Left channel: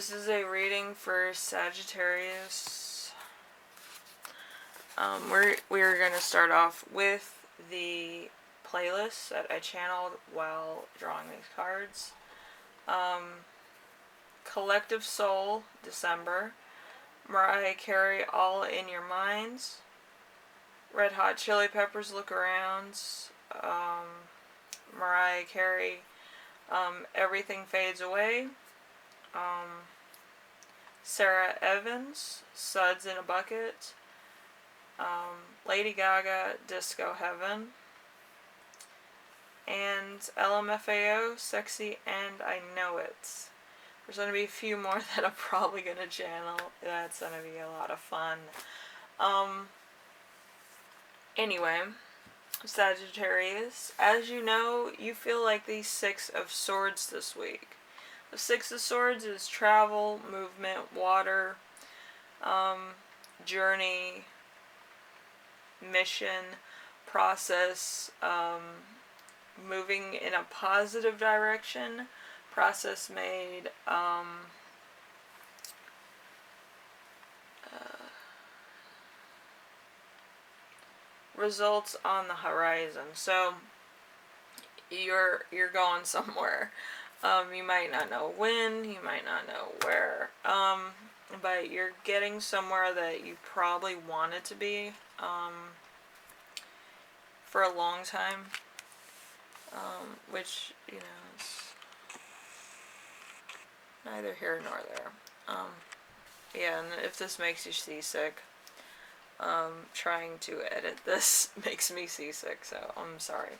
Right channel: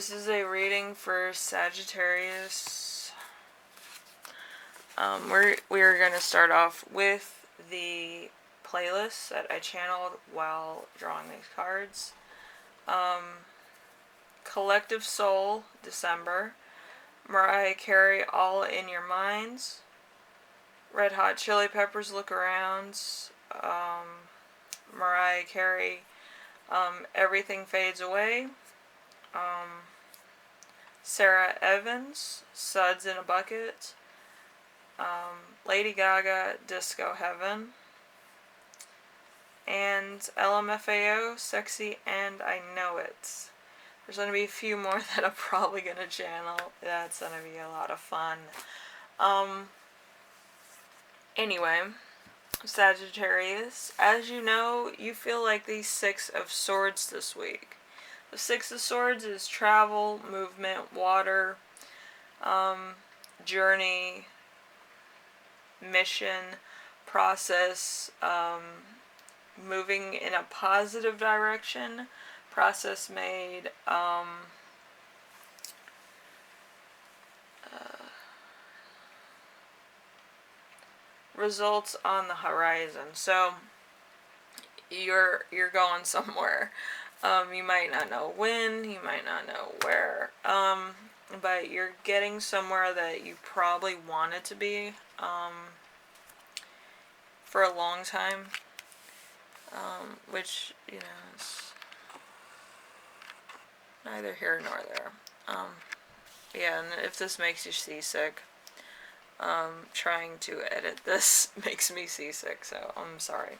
This is a reading for Sagittarius. We're going to start off with the playlist that I channeled while drawing these cards. Collective Soul, December. Mariah Carey, All in Your Minds. Red Hot Chili Peppers, Look Around. Mariah Carey, Everything Fades Away. Sarah Evans, Suds in a Bucket. Lady Gaga, Disco Heaven. And LMFAO, Sexy and I Know It. There's going to be a few more that I'm probably going to channel. That's going to be a lot of fun. Anyway, Sagittarius, as you know, you feel like the Six of Swords this week. The Six of Swords is travel, movement, water, journey, mission, process, moving in a positive direction, process made, results on the horizon. So you're going somewhere. You might not know when, you might not know where, but you're getting somewhere that you probably wanted to be for a long time, which, you know, is neither here nor there. Yeah, and if this makes you seasick, trying to edit this makes me seasick, so I'm sorry.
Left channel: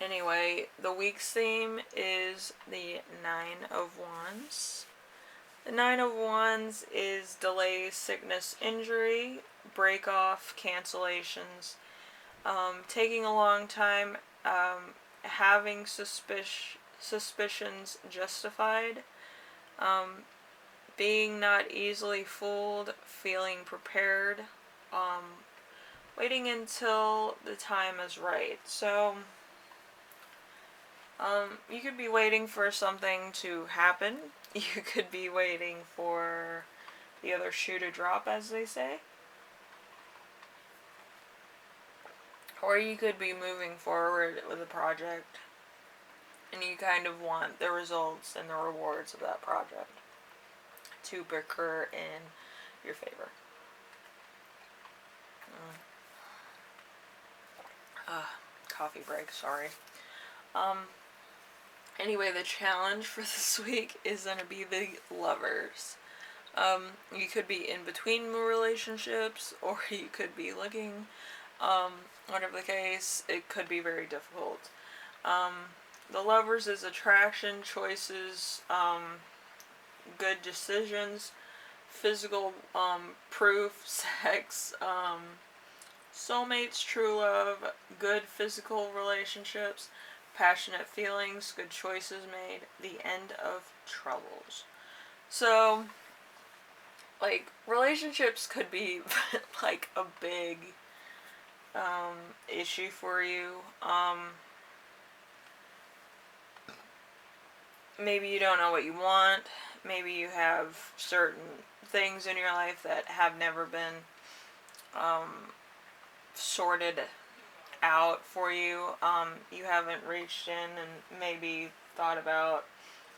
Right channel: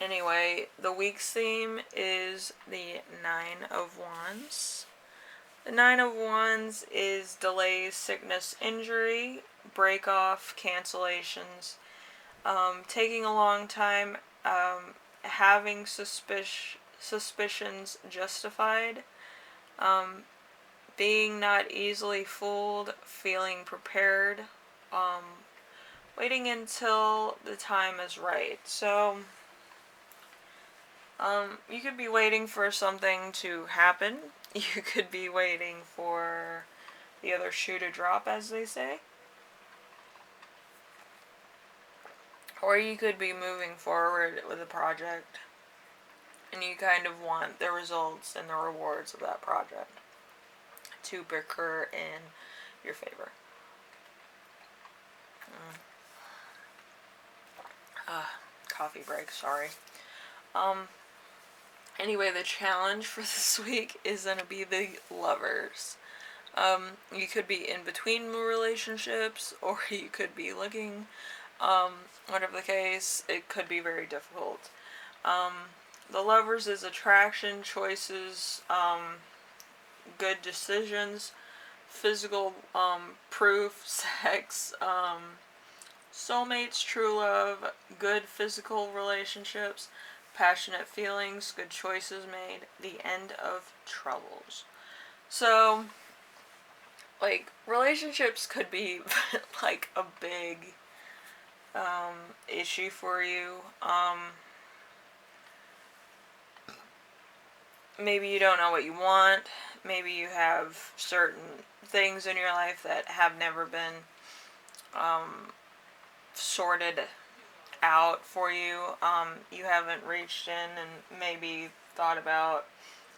Anyway, the week's theme is the Nine of Wands. The Nine of Wands is delays, sickness, injury, break off, cancellations, taking a long time, having suspicions justified, being not easily fooled, feeling prepared, waiting until the time is right. So, you could be waiting for something to happen. You could be waiting for the other shoe to drop, as they say. Or you could be moving forward with a project, and you kind of want the results and the rewards of that project to occur in your favor. Coffee break, sorry. Anyway, the challenge for this week is going to be the Lovers. You could be in between relationships, or you could be looking. Whatever the case, it could be very difficult. The Lovers is attraction, choices, good decisions, physical proof, sex, soulmates, true love, good physical relationships, passionate feelings, good choices made, the end of troubles. So, like, relationships could be like a big issue for you. Maybe you don't know what you want. Maybe you have certain things in your life that have never been sorted out for you. You haven't reached in and maybe thought about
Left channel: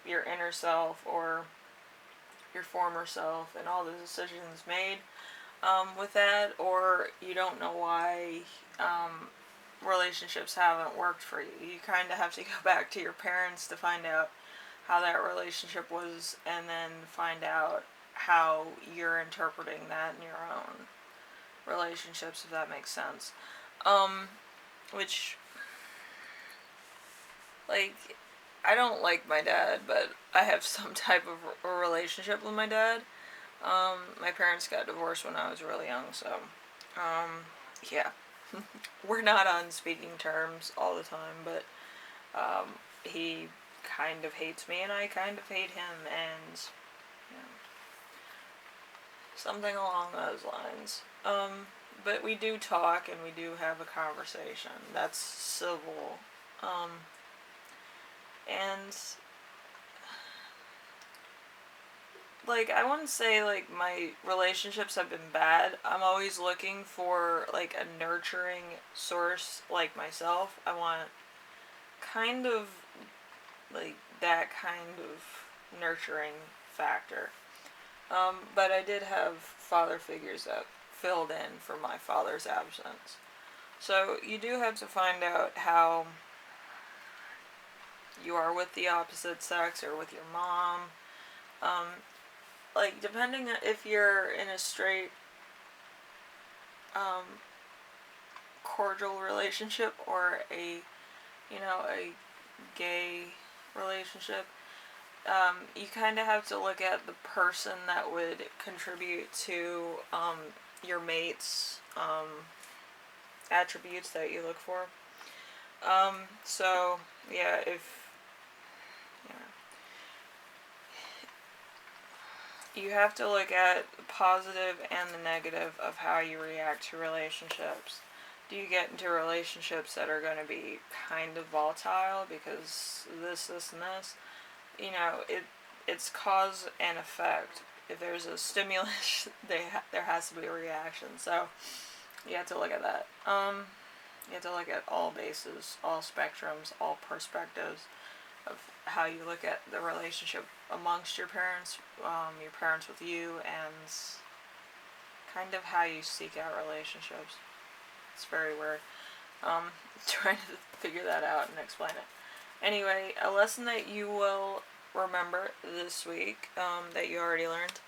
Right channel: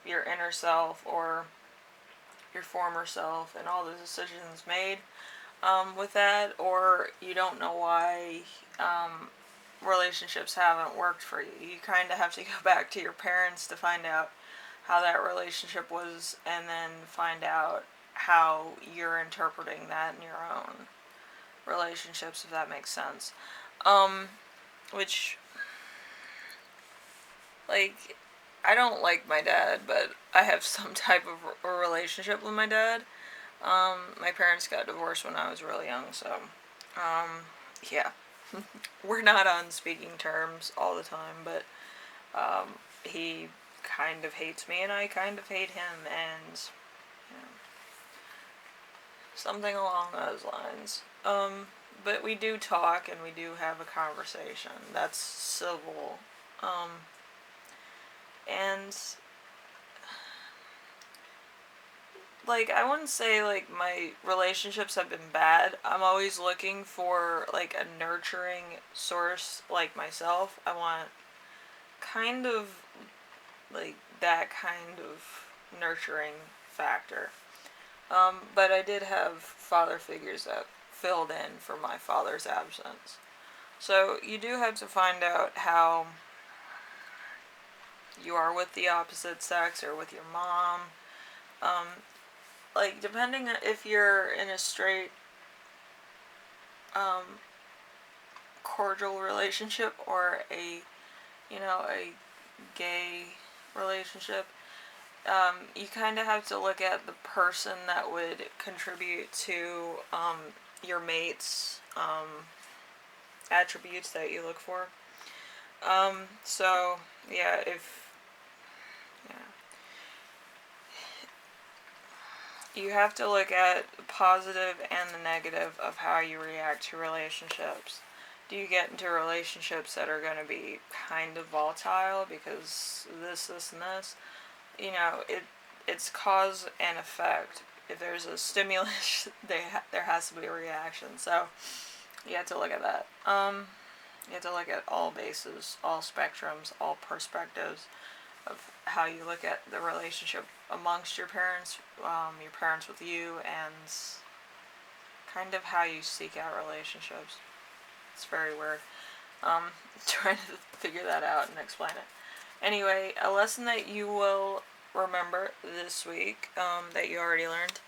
your inner self or your former self and all the decisions made with that, or you don't know why relationships haven't worked for you. You kind of have to go back to your parents to find out how that relationship was, and then find out how you're interpreting that in your own relationships, if that makes sense. Which, like, I don't like my dad, but I have some type of a relationship with my dad. My parents got divorced when I was really young, so, yeah. We're not on speaking terms all the time, but, he kind of hates me, and I kind of hate him, and, you know, something along those lines. But we do talk, and we do have a conversation. That's civil. And like, I wouldn't say, like, my relationships have been bad. I'm always looking for, like, a nurturing source like myself. I want kind of, like, that kind of nurturing factor. But I did have father figures that filled in for my father's absence. So you do have to find out how you are with the opposite sex or with your mom. Um, like, depending on if you're in a straight, um, cordial relationship or a, a gay relationship, you kind of have to look at the person that would contribute to, your mate's, attributes that you look for. So, yeah, you have to look at the positive and the negative of how you react to relationships. Do you get into relationships that are going to be kind of volatile because this, and this? It's cause and effect. If there's a stimulus, there has to be a reaction. So you have to look at that. You have to look at all bases, all spectrums, all perspectives of how you look at the relationship amongst your parents with you, and kind of how you seek out relationships. It's very weird. Trying to figure that out and explain it. Anyway, a lesson that you will remember this week, that you already learned,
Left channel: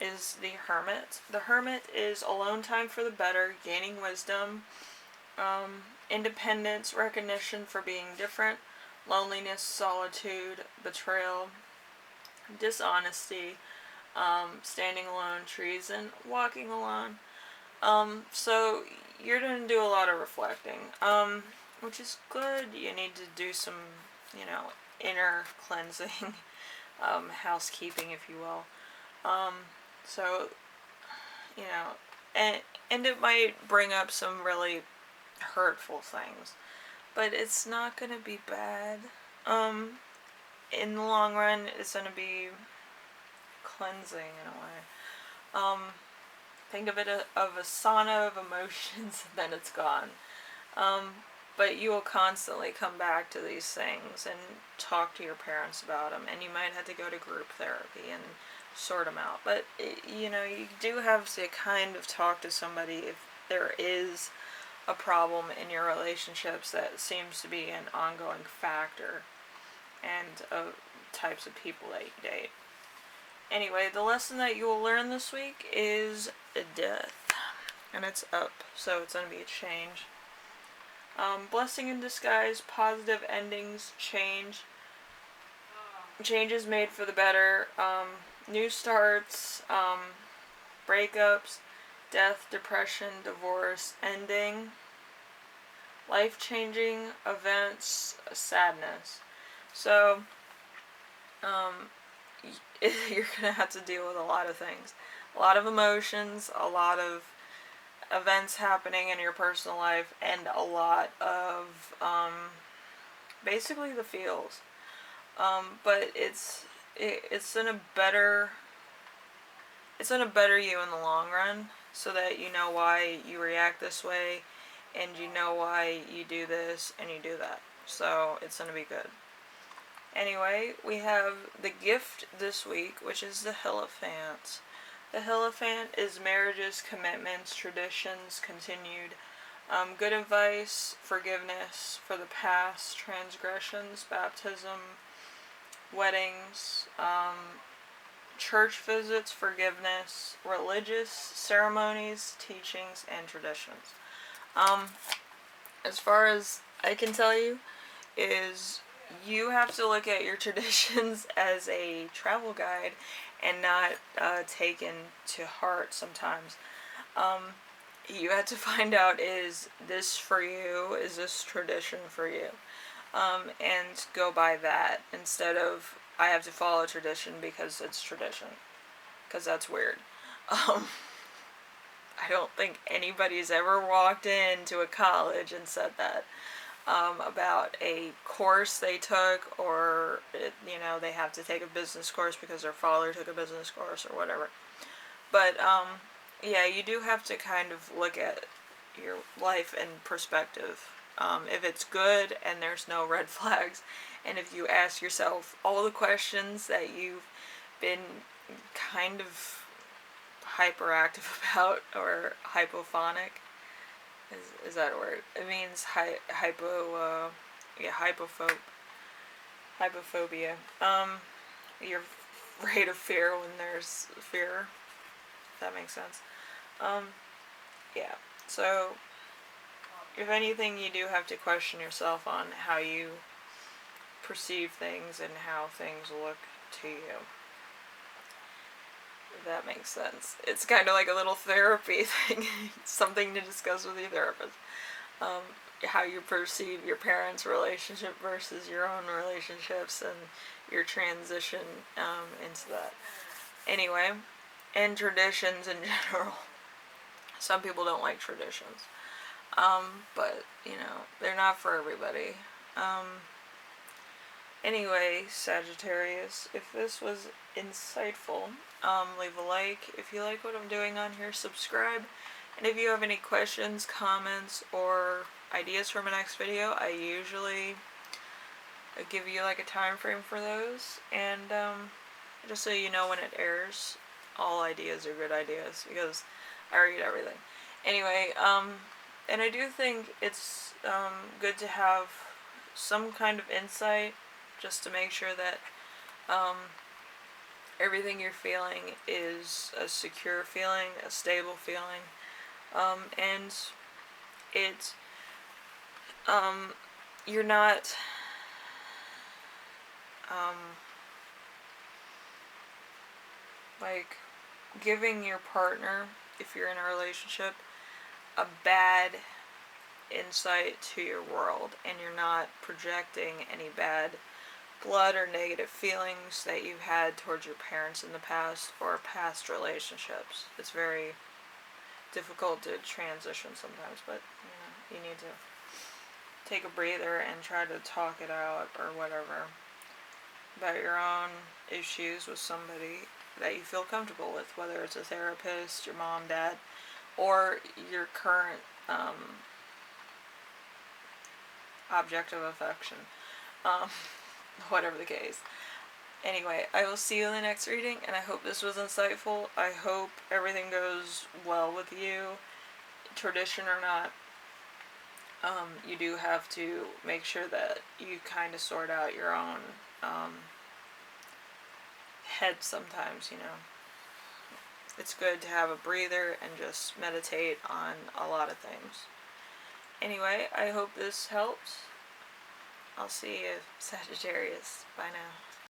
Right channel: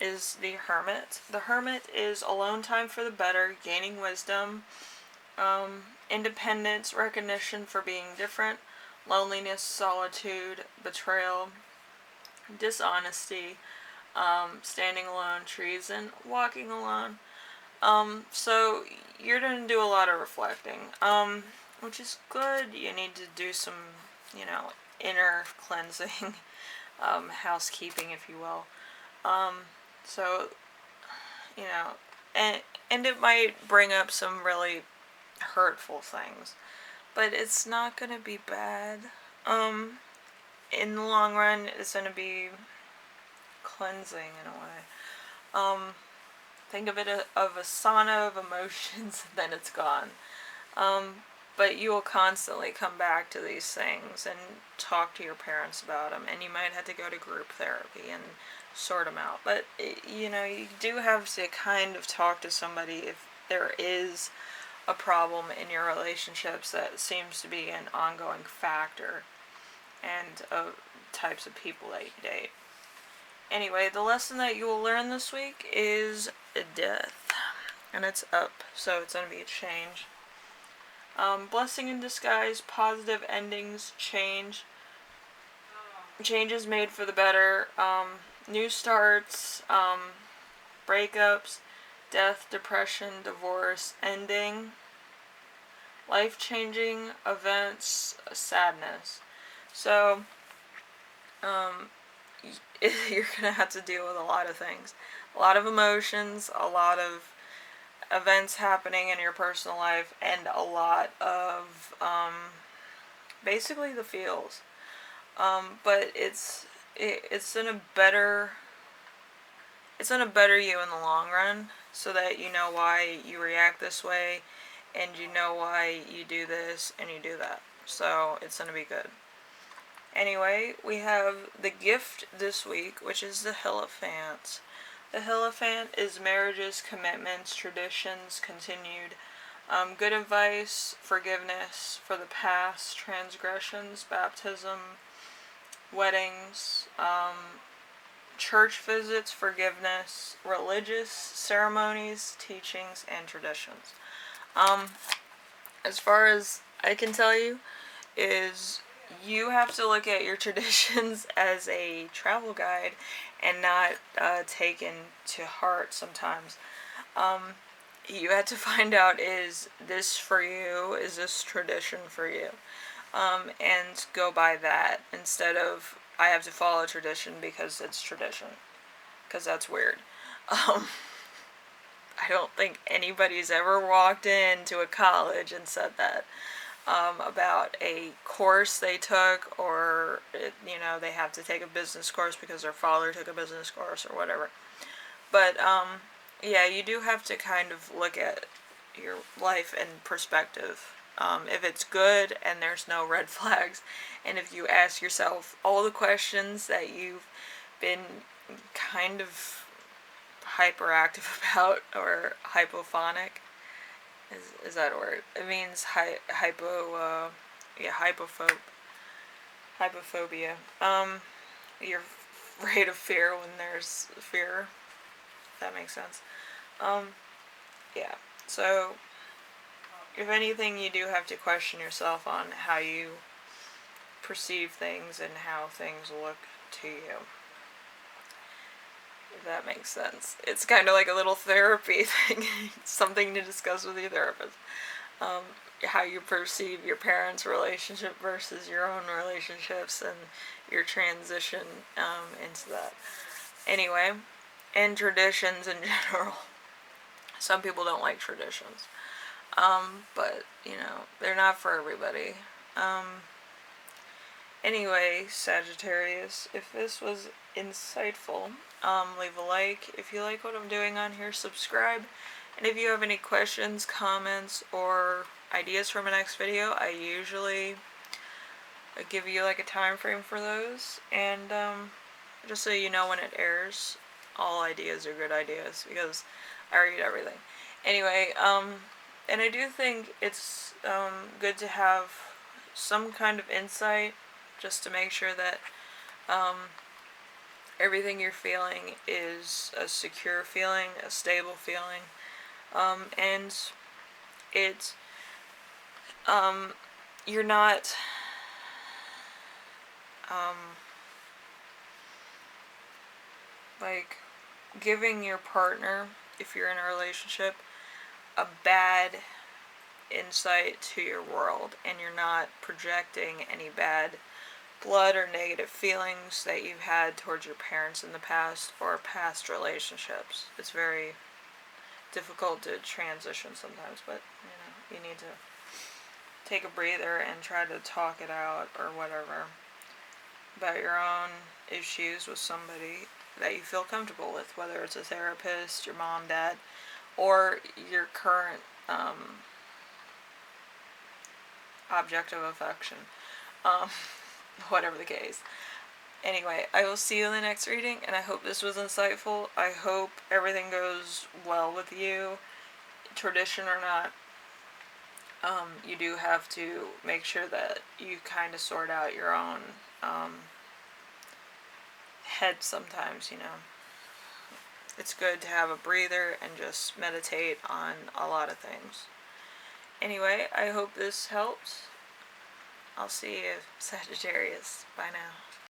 is the Hermit. The Hermit is alone time for the better, gaining wisdom, independence, recognition for being different, loneliness, solitude, betrayal, dishonesty, standing alone, treason, walking alone. So you're going to do a lot of reflecting, which is good. You need to do some, inner cleansing, housekeeping, if you will. So, and it might bring up some really hurtful things, but it's not going to be bad. In the long run, it's going to be cleansing in a way. Think of it of a sauna of emotions, and then it's gone. But you will constantly come back to these things and talk to your parents about them, and you might have to go to group therapy and sort them out. But, you do have to kind of talk to somebody if there is a problem in your relationships that seems to be an ongoing factor, and types of people that you date. Anyway, the lesson that you will learn this week is death. And it's up, so it's going to be a change. Blessing in disguise, positive endings, changes made for the better, new starts, breakups, death, depression, divorce, ending, life-changing events, sadness. So, you're going to have to deal with a lot of things. A lot of emotions, a lot of events happening in your personal life, and a lot of, basically the feels. But it's gonna better you in the long run, so that you know why you react this way, and you know why you do this and you do that. So it's gonna be good. Anyway, we have the gift this week, which is the Hierophant. The Hierophant is marriages, commitments, traditions, continued, good advice, forgiveness for the past, transgressions, baptism, weddings, church visits, forgiveness, religious ceremonies, teachings, and traditions. As far as I can tell you, is you have to look at your traditions as a travel guide and not taken to heart sometimes. You have to find out, is this for you? Is this tradition for you? And go by that instead of, I have to follow tradition because it's tradition. Because that's weird. I don't think anybody's ever walked into a college and said that. About a course they took, or know, they have to take a business course because their father took a business course or whatever. But, yeah, you do have to kind of look at your life in perspective. If it's good and there's no red flags, and if you ask yourself all the questions that you've been kind of hyperactive about, or hypophonic, is that a word? It means hypophobia. You're afraid of fear when there's fear. If that makes sense. Yeah. So, if anything, you do have to question yourself on how you perceive things and how things look to you. If that makes sense. It's kind of like a little therapy thing. Something to discuss with your therapist. How you perceive your parents' relationship versus your own relationships and your transition into that. Anyway, and traditions in general. Some people don't like traditions. But, you know, they're not for everybody. Anyway, Sagittarius, if this was insightful, leave a like. If you like what I'm doing on here, subscribe. And if you have any questions, comments, or ideas for my next video, I usually give you like a time frame for those. And just so you know when it airs, all ideas are good ideas because I read everything. Anyway, and I do think it's good to have some kind of insight just to make sure that everything you're feeling is a secure feeling, a stable feeling, and it's you're not like giving your partner, if you're in a relationship, a bad insight to your world, and you're not projecting any bad blood or negative feelings that you've had towards your parents in the past or past relationships. It's very difficult to transition sometimes, but you need to take a breather and try to talk it out or whatever about your own issues with somebody that you feel comfortable with, whether it's a therapist, your mom, dad, or your current object of affection, whatever the case. Anyway, I will see you in the next reading, and I hope this was insightful. I hope everything goes well with you, tradition or not. You do have to make sure that you kind of sort out your own head sometimes, you know. It's good to have a breather and just meditate on a lot of things. Anyway, I hope this helps. I'll see you, Sagittarius. Bye now.